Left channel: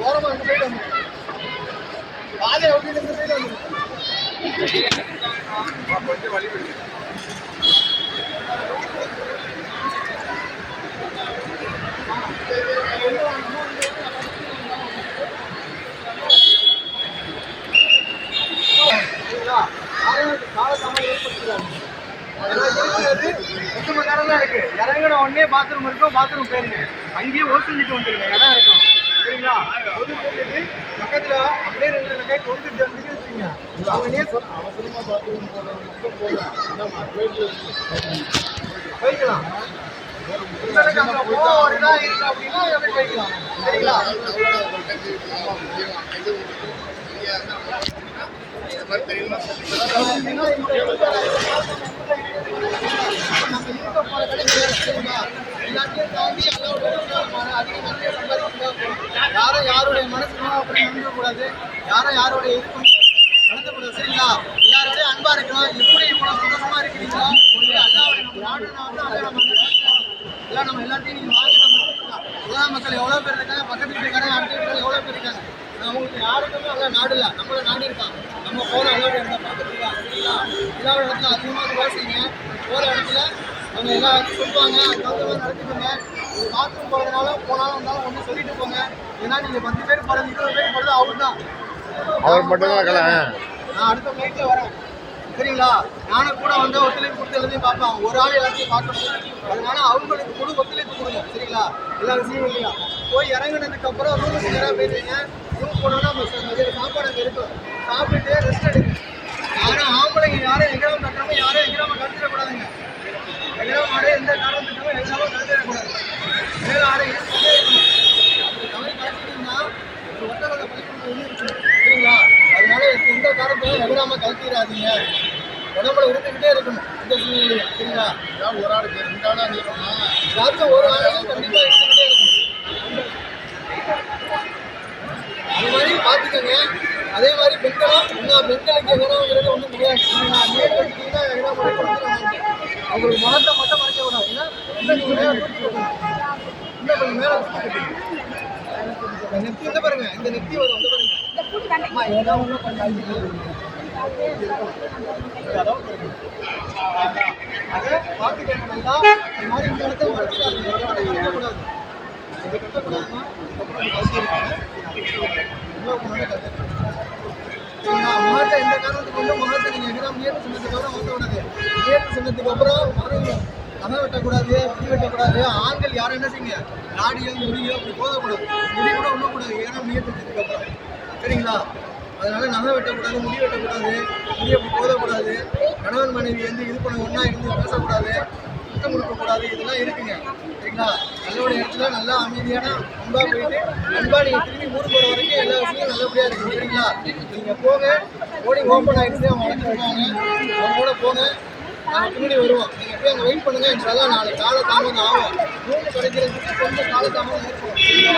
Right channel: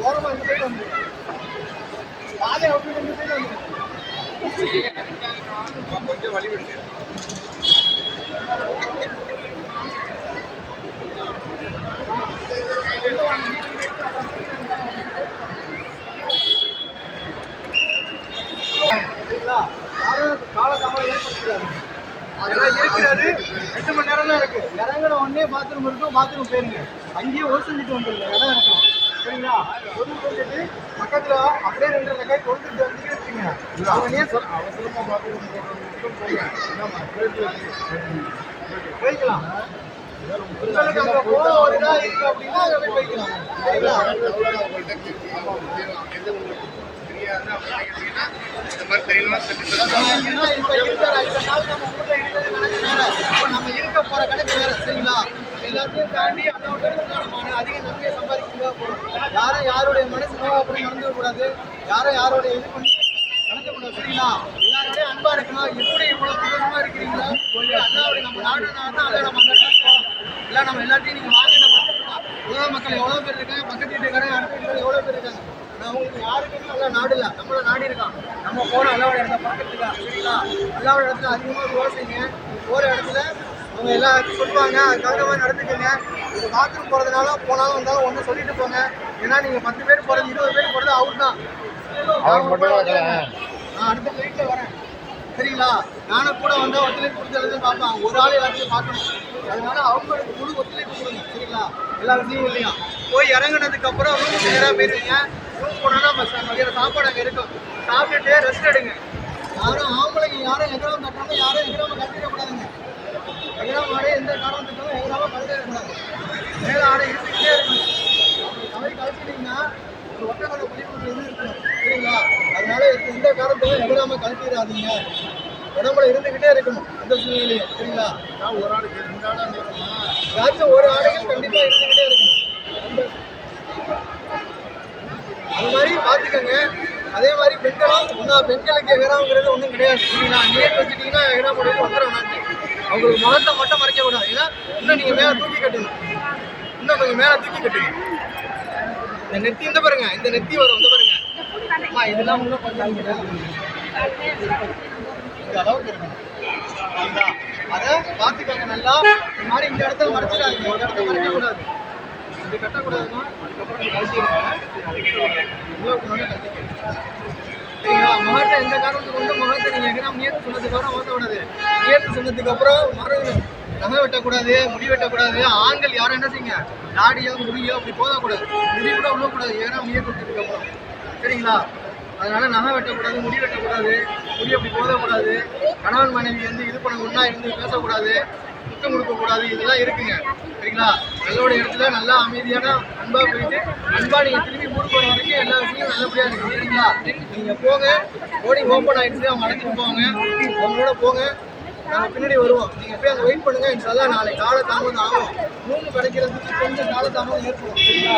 ஓரமா அப்படி சைடு வந்து பாதையை விட்டு இந்த சைடு வந்து சரிங்களா? யாரும் காலதாமதம் ஏற்படுத்திடாதீங்க. அதெல்லாம் இருக்கிறது ரெண்டு மணி நேரம் தான் இருக்கு இறங்கின உடனே பாத்ரூம் இருக்கும் பாத்ரூம் போயிருங்க அங்கேயே ஓ செஞ்சுட்டு வந்துருங்க இடம் இருக்கும் சரிங்களா ஒது போயிட்டு பக்கத்துல அப்படியே ரெண்டு ரெண்டு கை கொண்டுட்டு வந்து வச்சுங்க அவங்க நீ சொல் போய்க்கலாம் அப்படின்னா போய்க்கலாம் சரிங்களா ஏன்னா நம்ம இருக்க போற கணக்கு சரிங்களா? எல்லாத்தையும் தாண்டி அல்லாவோட அதிக நன்மையை சம்பாதிக்க போறோம். யாரும் யாருடைய மனசு அப்படி நடந்துக்க கூடாது யாரும் யாருடைய இதுக்கும் நடத்தக்கூடாது சரிங்களா எல்லாரோடய அன்பா இருக்கலாம் எப்படி இவ்வளவு சந்தோஷமா இருக்கிறீங்களா அல்லாவுடைய நம்ம நாடு தான் அதை நம்ம நடத்தணும். எல்லாம் நம்ம எல்லாத்தையும் நீங்க வாங்க மக்கள் எவ்வளவு பேர் இருக்காங்க பக்கத்து வீட்டுக்காரங்க அடுத்த வீட்டுக்காரங்க எவ்வளவு பேர் இருக்காங்க நான் உங்களுக்கு யாருக்குமே அல்ல நாடு இல்லை நம்மள நாடு இருக்கான் நம்ம போற அல்லாவோட இடத்த பார்க்கறதுக்கா சரிங்களா? அல்லாவோட இடத்துல அதிகமாக துவா செய்யுங்க போற இடத்துல அவங்க எல்லா சொல்லுவாங்க. அதுக்காக மாதிரி நடந்துக்கோங்க. ஒரு பாத்ரூம் போறதுனால போனாலும் வந்தாலும் ஒன்று சொல்லிட்டு போங்க. ஏன்னா நீங்க பத்து பேர் போறது இருபது பேர் போறது அவுட் தான். நான் அடுத்த ஃப்ளைட்ல வரேன். சரிங்களா? நானும் கூட வந்து ஒத்துழைப்பு கொடுத்து எல்லாத்தையும் பார்ப்பேன். ஒரு ஆள் எல்லாத்தையும் பார்க்கணும். அதனால அவங்களுக்கு முழு ஒத்துழைப்பு கொடுங்க. சரிங்களா? எல்லா விஷயம் இல்லையா? போய் இறங்குனதுக்கு அப்புறம் ரூமுக்கு நேராக போயிருவீங்க. ரூம் போனோன்னா மதியம் சாப்பாடு அங்கே இருக்கும். சாப்பிட்டுட்டு ரெஸ்ட் எடுங்க. யாரும் ஆம்பளைங்க யாரும் எகிராம கட்டாம யாரும் எகிராம கட்டிடக்கூடாதுங்க எகிராம ஆடை எந்த காரணத்துக்கும் எகிராம கட்டிடக்கூடாது மேல ஆடை இருந்துக்கிட்டே இருக்கணும். அப்படி தவறி கலட்டிட்டீங்கன்னா ஒரு ஒட்டகத்தை பள்ளிக்கூடத்தில் இது இருக்கணும்? சரிங்களா? அதனால எந்த காரணத்தையும் எகிராம கழட்டிடாதீங்க. உடம்புல இருந்துக்கிட்டே இருக்கணும் எந்த சூழ்நிலையும் சரிங்களா? ஒரு ஆளுக்கு ரெண்டு ஆளா நீக்கணுமா ஏதாச்சும் ஒரு ஆடைகள் கண்டிப்பா இருந்துக்கிட்டே இருக்கணும் அது பண்ணுங்க அதே மாதிரி பெண்களும் இன்னும் பெண்களுக்கு எகராங்கிறது ஒன்றும் கிடையாது. சரிங்களா நீர் வச்சுட்டீங்கன்னா எகரா முடிவு வந்துடும் அவங்களுக்கு முகத்தை மட்டும் மறைக்க கூடாது ஏன்னா இன்னும் நீங்கள் மேலே தூக்கி கட்டுங்க. இன்னும் கொஞ்சம் மேலே தூக்கி கட்டுங்க. இந்த நெத்தி இந்த பாருங்க. இந்த நெத்தி வரும். வந்து பாருங்க. அம்மா இதெல்லாம் இன்னும் கொஞ்சம் அளவுக்கு அதை பார்த்துக்கோங்க நல்லா. இந்த மாதிரி இந்த இடத்துல மறைச்சிடாதீங்க. இந்த இடத்துல மறைக்கக்கூடாது. இது கட்டக்கூடாதுன்னா இதுக்கப்புறம் சரிங்களா மகத்தை இந்த காரணத்துக்கு வந்து மகத்தை நீங்கள் எங்கன்னா முயற்சி சொன்னதுக்கப்புறம் அப்புறம் கூடாது முயற்சி சொன்னதுக்கப்புறம் அப்புறம் மரம் நகை வெட்டக்கூடாது முடி வெட்டக்கூடாது ஆண்கள் யாரும் என்ன செய்யுங்க தாடியோ முடியோ அப்படி போதக்கூடாது முடி கூட உள்ளக்கூடாது ஏன்னா முயற்சி செஞ்சதுக்கு சரிங்களா அதனால் நகை வெட்டக்கூடாது முடி வெட்டக்கூடாது முடி அப்படி போதக்கூடாது கணவன் மனைவி வந்து இது பண்ண ஒன்றா இருந்து பேசக்கூடாது முத்தம் கொடுக்கக்கூடாது இதெல்லாம் இருக்குங்க சரிங்களா? நல்லோட இடத்துல நல்லா அமைதியான அன்பா போயிட்டு அன்பா நீங்க திரும்பி ஊர் போற வரைக்கும் எல்லா விஷயமும் நல்லபடியா இருக்கும் சரிங்களா? நீங்க போங்க. ஓடி ஓப்பன் ஆயிடுச்சு அவங்க அழைச்சிட்டு போவாங்க. அவங்க கூட போங்க. நாங்க பின்னாடி வருவோம். நீங்க போய் அங்க வெயிட் பண்ணுங்க. இன்ஷால்லா நாளைக்கு கால தாமதம் ஆகும். ரூம் கிடைக்கிறதுக்கு கொஞ்சம் கால தாமதம் ஏற்படும் சரிங்களா?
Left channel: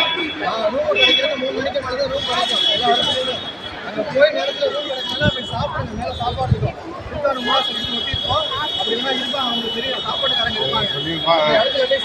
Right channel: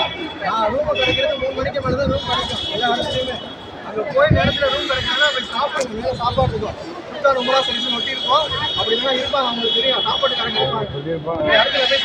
ரூம் கிடைக்கிறது மூணு மணிக்கு மேலே தான் ரூம் கிடைக்கும். எல்லா இடத்துலையுமே. அங்கே போய் நேரத்தில் ரூம் கிடைக்கணும்னா போய் சாப்பிடுங்க. மேலே சாப்பாடு இருக்கும். சுத்தா ரொம்ப செஞ்சு ஒட்டி இருப்போம் அப்படி இருந்தால் இருப்பாங்க அவங்களுக்கு தெரியும். சாப்பாட்டுக்காரங்க இருப்பாங்க. அந்த இடத்துல போய்